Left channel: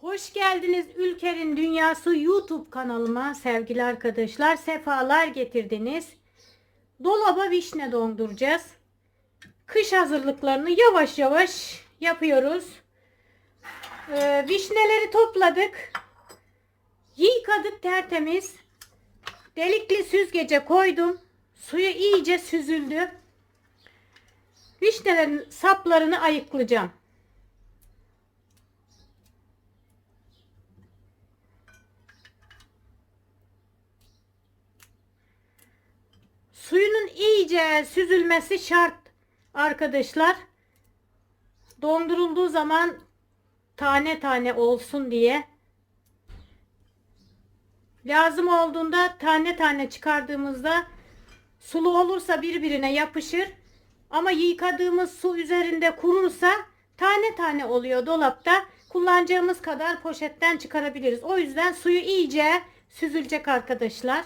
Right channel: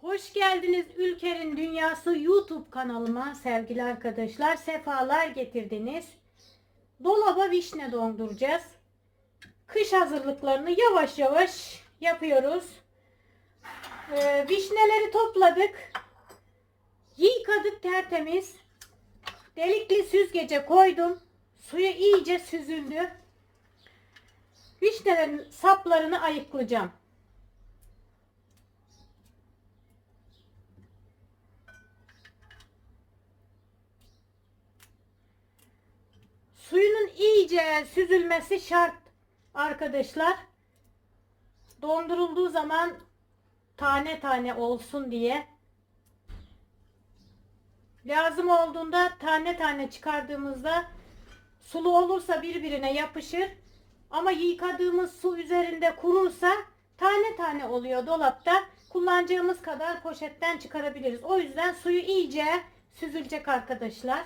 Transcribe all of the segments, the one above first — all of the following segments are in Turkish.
Hoş geldiniz Ülker'in Dünyası YouTube kanalıma sevgili arkadaşlar. Sefalar getirdiniz. Dolaba vişne donduracağız. Kış hazırlıklarını yavaş yavaş yapıyoruz. Ee, vişneleri topladık. Yıkadık tertemiz. Delikli süzgece koydum. Suyu iyice süzüldü. Vişnelerin saplarını ayıklayacağım. İyice süzülmesi şart arkadaşlar. Dondurulduğu zaman tane tane olsun diye. Lazım olduğunda tane tane çıkardığımızda sulu olursa birbirine yapışır. Ama yıkadığımız su üzerinde kurursa tane tane oluyor dolapta. Kullanacağımız kadar poşetten çıkarabiliriz. O yüzden suyu iyice süzülecek arkadaşlar.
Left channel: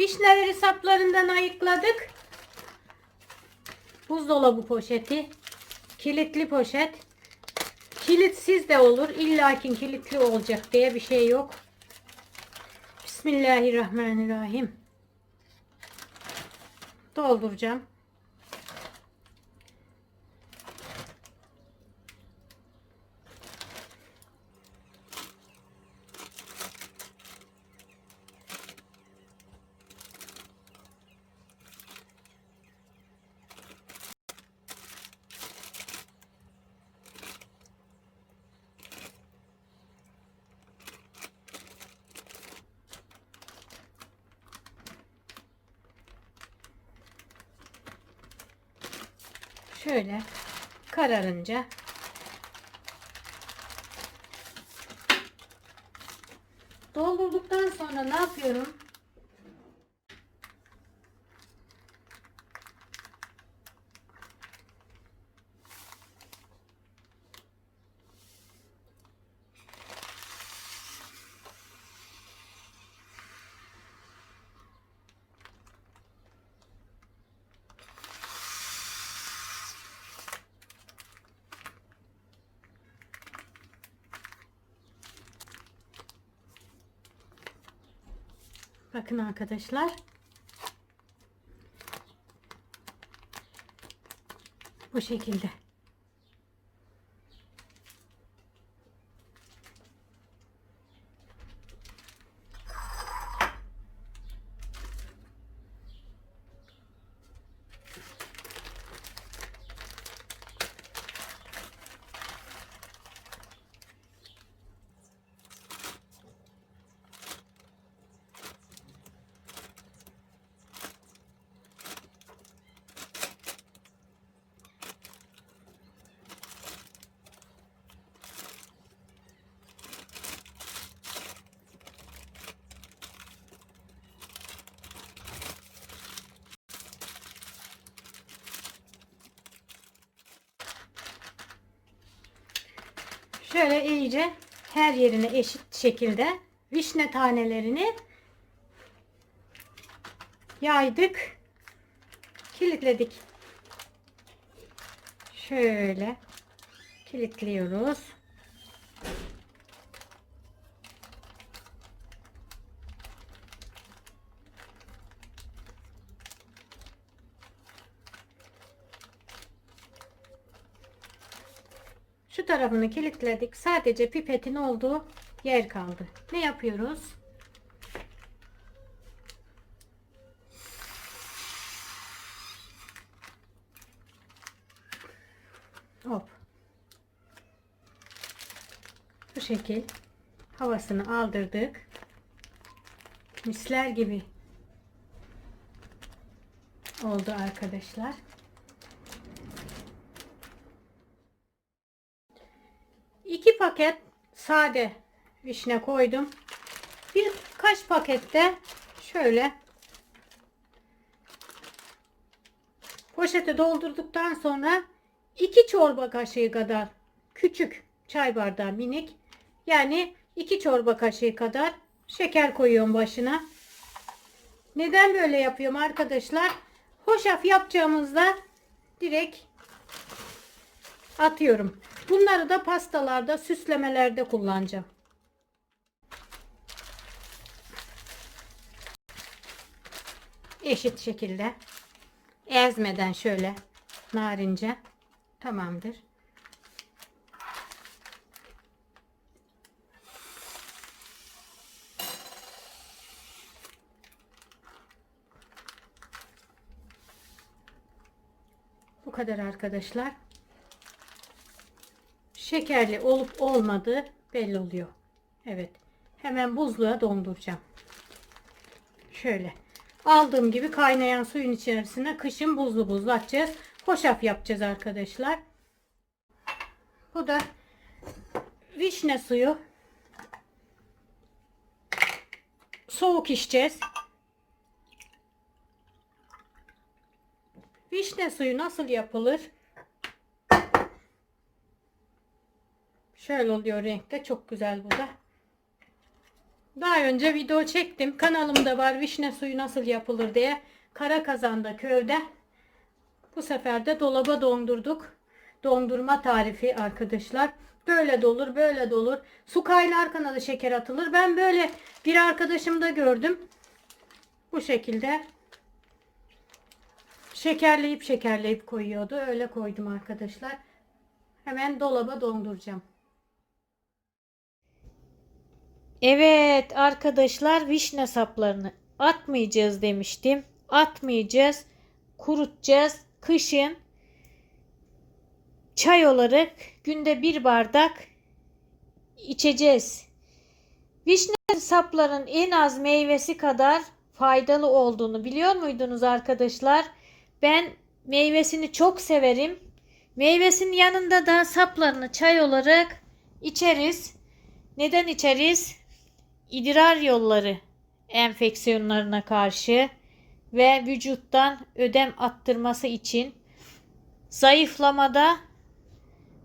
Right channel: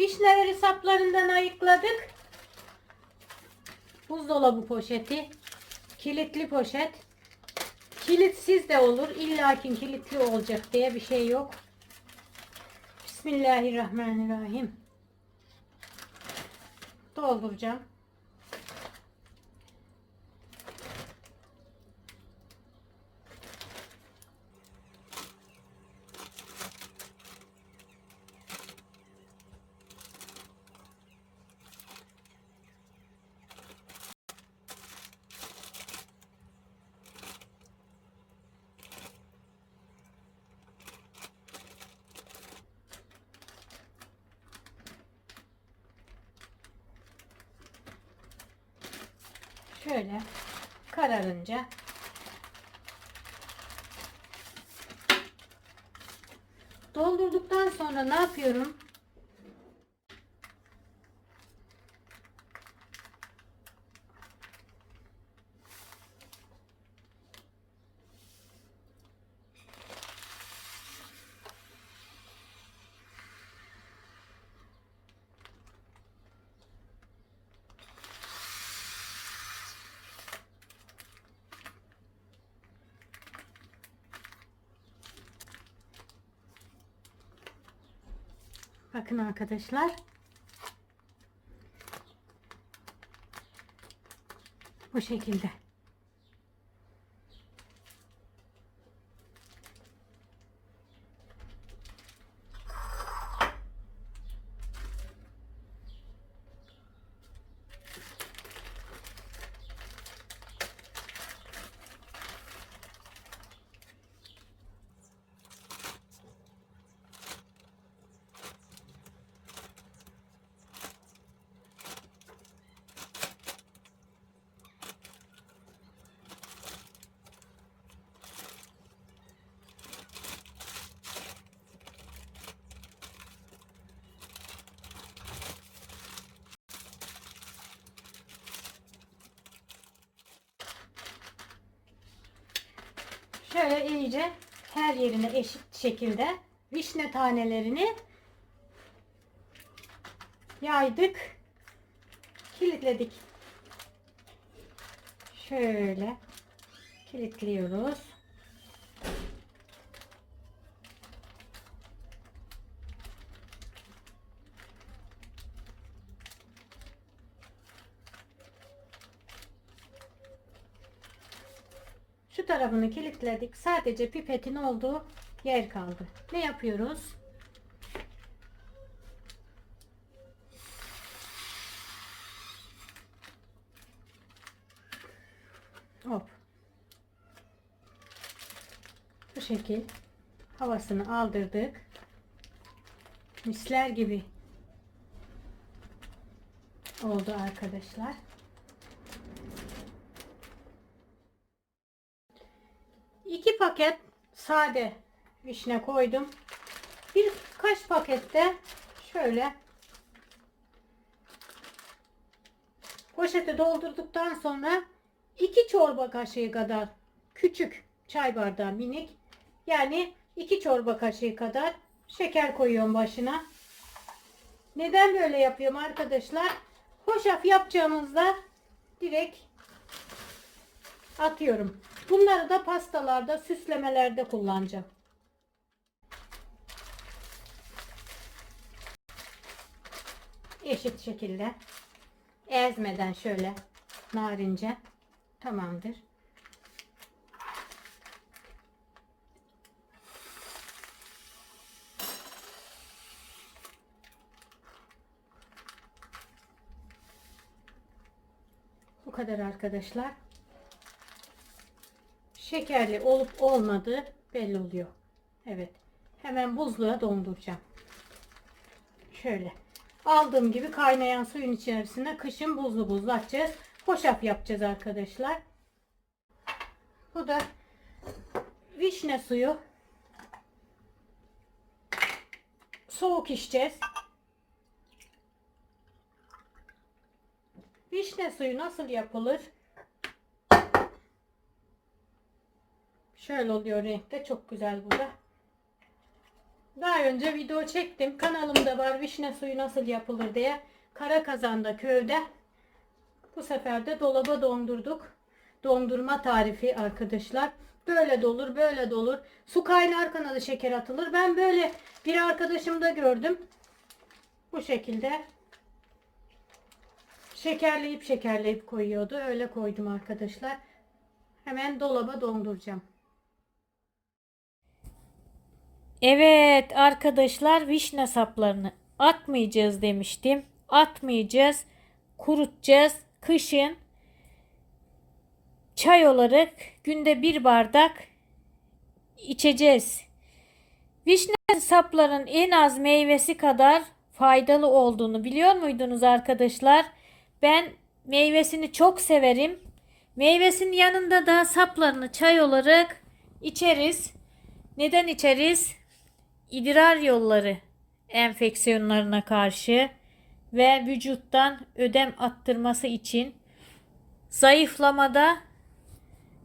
Vişneleri saplarından ayıkladık. Buzdolabı poşeti. Kilitli poşet. Kilitsiz de olur. İllakin kilitli olacak diye bir şey yok. Bismillahirrahmanirrahim. Dolduracağım. Şöyle kararınca doldurduktan sonra ne yapıyorum? Bakın arkadaşlar. Bu şekilde. Şöyle iyice her yerine eşit şekilde vişne tanelerini yaydık. Kilitledik. Şöyle kilitliyoruz. Şu tarafını kilitledik. Sadece pipetin olduğu yer kaldı. Ne yapıyoruz? Hop. Bu şekil. havasını aldırdık. Misler gibi oldu arkadaşlar. Paket sade vişne koydum. Birkaç pakette şöyle poşete doldurduktan sonra iki çorba kaşığı kadar küçük çay bardağı minik yani iki çorba kaşığı kadar şeker koyuyorum başına. Neden böyle yapıyorum arkadaşlar? Hoşaf yapacağımızda direkt atıyorum. Bunları da pastalarda, süslemelerde kullanacağım. Eşit şekilde ezmeden şöyle narince tamamdır. Bu kadar arkadaşlar. Şekerli olup olmadığı belli oluyor. Evet. Hemen buzluğa donduracağım. Şöyle. Aldığım gibi kaynayan suyun içerisine kışın buzlu buzlu atacağız. Hoşaf yapacağız arkadaşlar. Bu da vişne suyu. Soğuk içeceğiz. Vişne suyu nasıl yapılır? Şöyle oluyor renkte. Çok güzel bu da. Daha önce video çektim. Kanalımda var vişne suyu nasıl yapılır diye. Kara kazanda köyde. Bu sefer de dolaba dondurduk. Dondurma tarifi arkadaşlar. Böyle dolur, böyle dolur. Su kaynarken da şeker atılır. Ben böyle bir arkadaşımda gördüm. Bu şekilde şekerleyip şekerleyip koyuyordu. Öyle koydum arkadaşlar. Hemen dolaba donduracağım. Evet arkadaşlar vişne saplarını atmayacağız demiştim. Atmayacağız. Kurutacağız. Kışın çay olarak günde bir bardak içeceğiz. Vişne sapların en az meyvesi kadar faydalı olduğunu biliyor muydunuz arkadaşlar? Ben meyvesini çok severim. Meyvesinin yanında da saplarını çay olarak içeriz. Neden içeriz? İdrar yolları enfeksiyonlarına karşı ve vücuttan ödem attırması için zayıflamada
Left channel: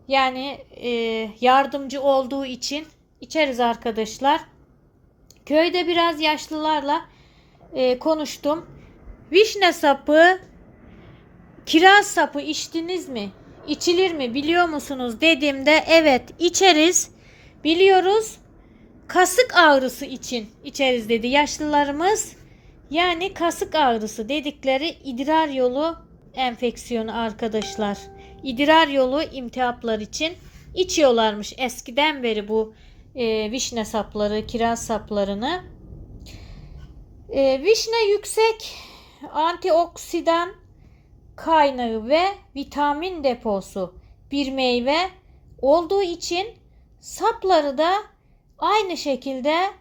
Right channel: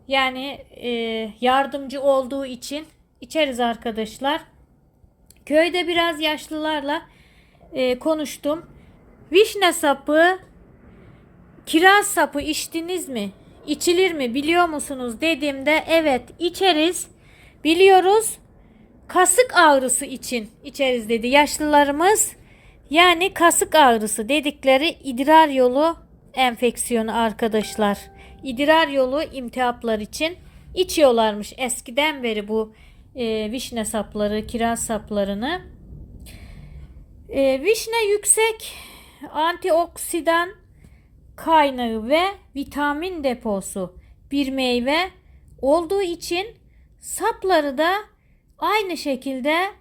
yani e, yardımcı olduğu için içeriz arkadaşlar. Köyde biraz yaşlılarla e, konuştum. Vişne sapı, kiraz sapı içtiniz mi? İçilir mi biliyor musunuz dediğimde evet içeriz. Biliyoruz kasık ağrısı için içeriz dedi yaşlılarımız. Yani kasık ağrısı dedikleri idrar yolu enfeksiyonu arkadaşlar. İdrar yolu imtihaplar için içiyorlarmış eskiden beri bu e, vişne sapları, kiraz saplarını. E, vişne yüksek antioksidan kaynağı ve vitamin deposu bir meyve olduğu için sapları da aynı şekilde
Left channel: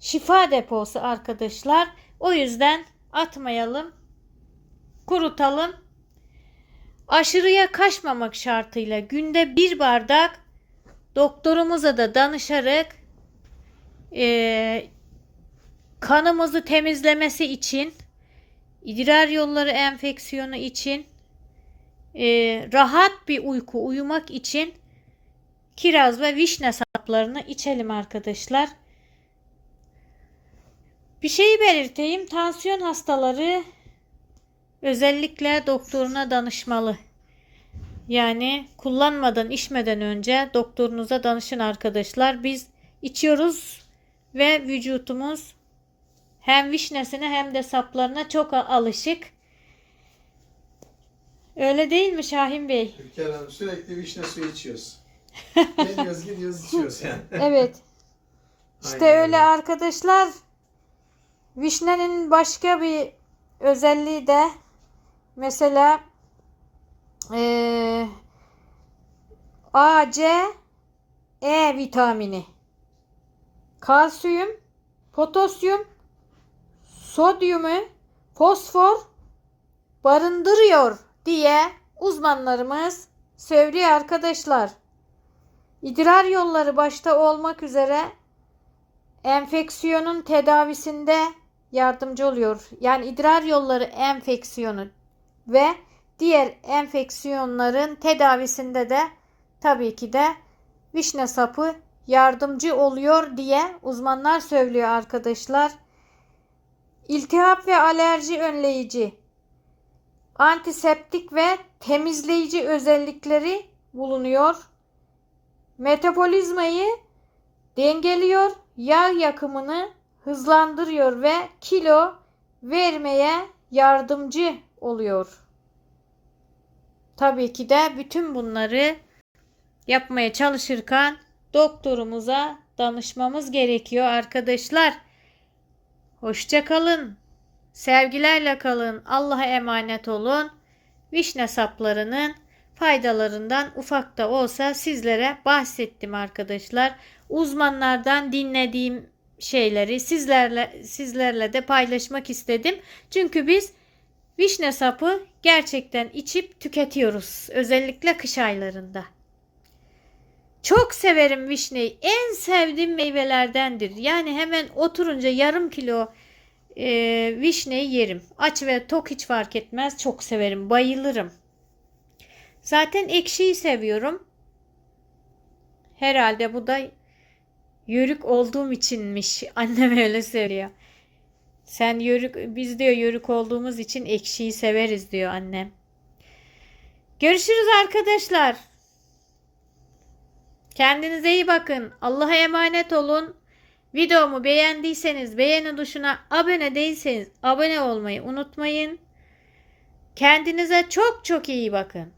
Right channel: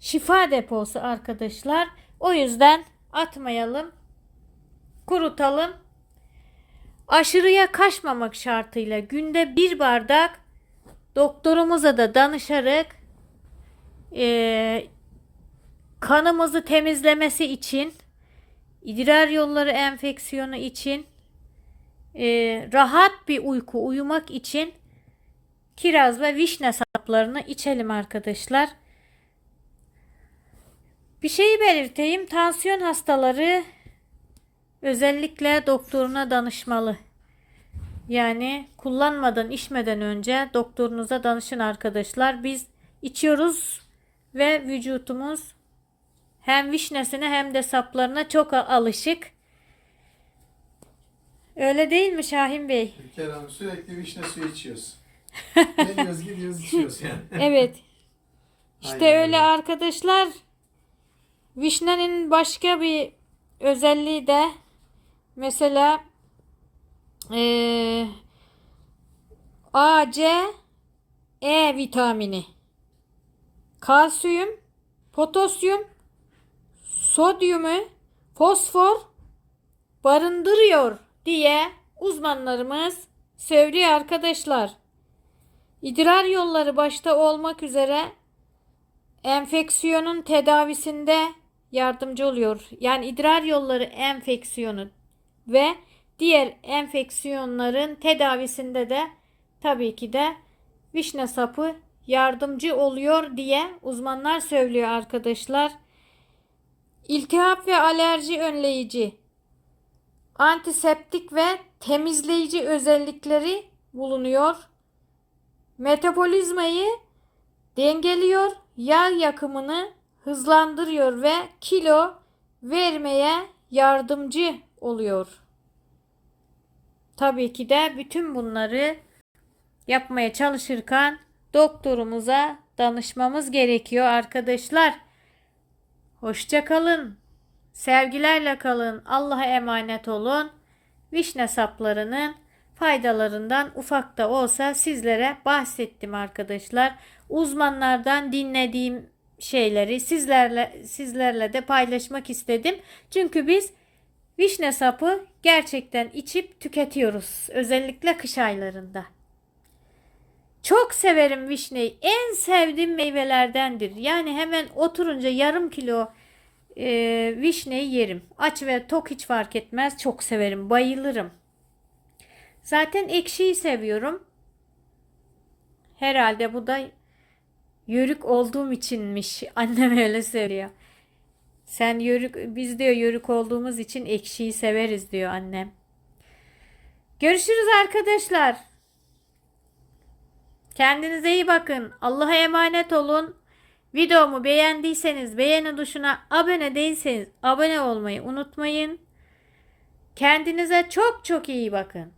şifa deposu arkadaşlar. O yüzden atmayalım. Kurutalım. Aşırıya kaçmamak şartıyla günde bir bardak doktorumuza da danışarak e, kanımızı temizlemesi için idrar yolları enfeksiyonu için e, rahat bir uyku uyumak için kiraz ve vişne saplarını içelim arkadaşlar. Bir şeyi belirteyim. Tansiyon hastaları özellikle doktoruna danışmalı. Yani kullanmadan, içmeden önce doktorunuza danışın arkadaşlar. Biz içiyoruz ve vücutumuz hem vişnesine hem de saplarına çok alışık. Öyle değil mi Şahin Bey? Hanım sürekli vişne suyu içiyoruz. Ne diyoruz gidiyoruz içiyoruz yani. Evet. İşte Aynen öyle arkadaşlar. Vişnenin başka bir özelliği de mesela eee A, C, E vitamini. kalsiyum, potasyum, sodyumu, fosfor barındırıyor diye uzmanlarımız söylüyor arkadaşlar. İdrar yolları başta olmak üzere enfeksiyonun tedavisinde yardımcı oluyor. Yani idrar yolları enfeksiyonu ve diğer enfeksiyonların tedavisinde de tabii ki de vişne sapı yardımcı oluyor diye uzmanlar söylüyor arkadaşlar. İltihap ve alerji önleyici, antiseptik ve temizleyici özellikleri bulunuyor. Metabolizmayı dengeliyor, yağ yakımını hızlandırıyor ve kilo vermeye yardımcı oluyor. Tabii ki de bütün bunları yapmaya çalışırken doktorumuza danışmamız gerekiyor arkadaşlar. Hoşça kalın. Sevgilerle kalın. Allah'a emanet olun. Vişne saplarının faydalarından ufak da olsa sizlere bahsettim arkadaşlar. Uzmanlardan dinlediğim şeyleri sizlerle sizlerle de paylaşmak istedim. Çünkü biz vişne sapı gerçekten içip tüketiyoruz. Özellikle kış aylarında. Çok severim vişneyi. En sevdiğim meyvelerdendir. Yani hemen oturunca yarım kilo e, vişneyi yerim. Aç ve tok hiç fark etmez. Çok severim. Bayılırım. Zaten ekşiyi seviyorum. Herhalde bu da yörük olduğum içinmiş. Annem öyle söylüyor. Sen yörük, biz diyor yörük olduğumuz için ekşiyi severiz diyor annem. Görüşürüz arkadaşlar. Kendinize iyi bakın. Allah'a emanet olun. Videomu beğendiyseniz beğeni tuşuna abone değilseniz abone olmayı unutmayın. Kendinize çok çok iyi bakın.